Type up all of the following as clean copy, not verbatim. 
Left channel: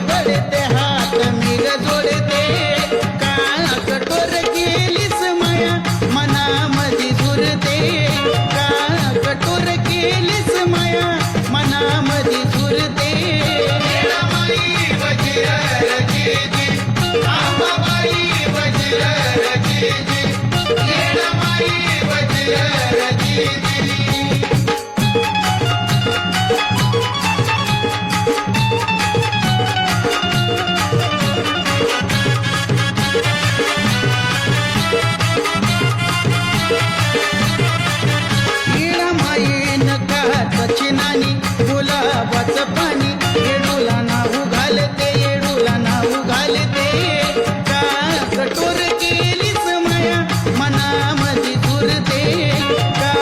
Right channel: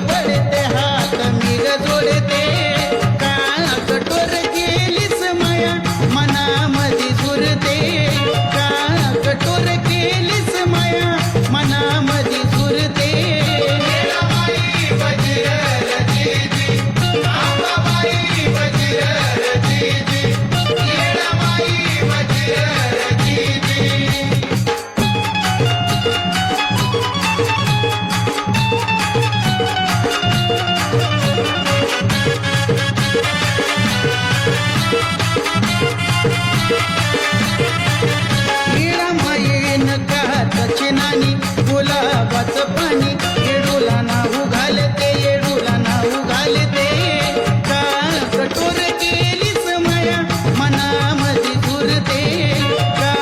पडते हात मी ग जोडते का कठोर केलीस माया मनामधी झुरते का कठोर केलीस माया मनामधी झुरते चिनानी गुलाबाचं पाणी येडूला नाऊ घालते येडूला नाऊ घालते का कठोर केलीस माया मनामधी झुरते का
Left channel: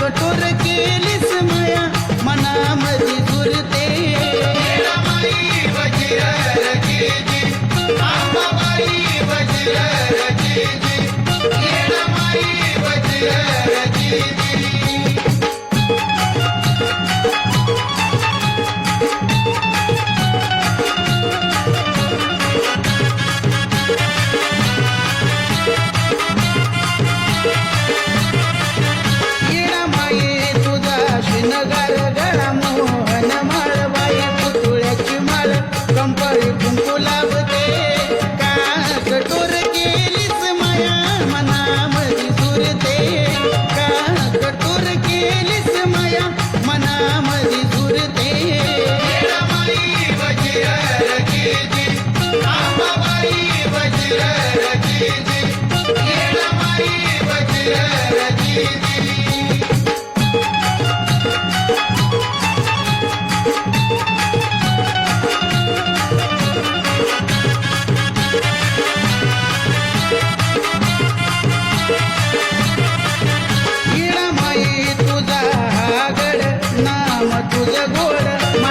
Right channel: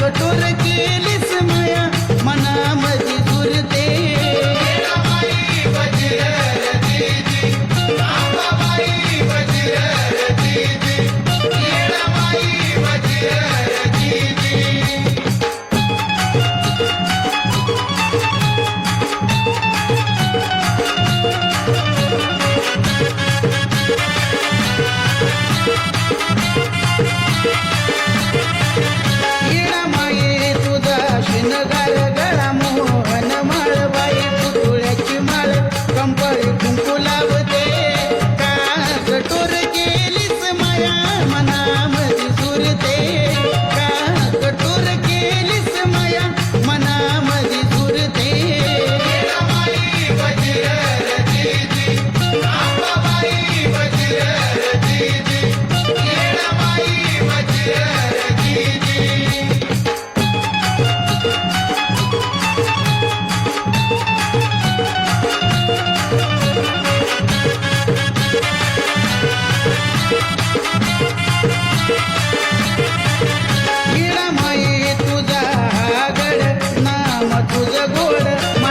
कठोर केलीस माया मनामधी झुरते शिनगार गळा मोहन माळ बाई पुतळ्याची माळ कंपळी कुंकू लावते का कठोर केलीस माया मनामधी झुरते का कठोर केलीस माया मनामधी झुरते तुझं गोड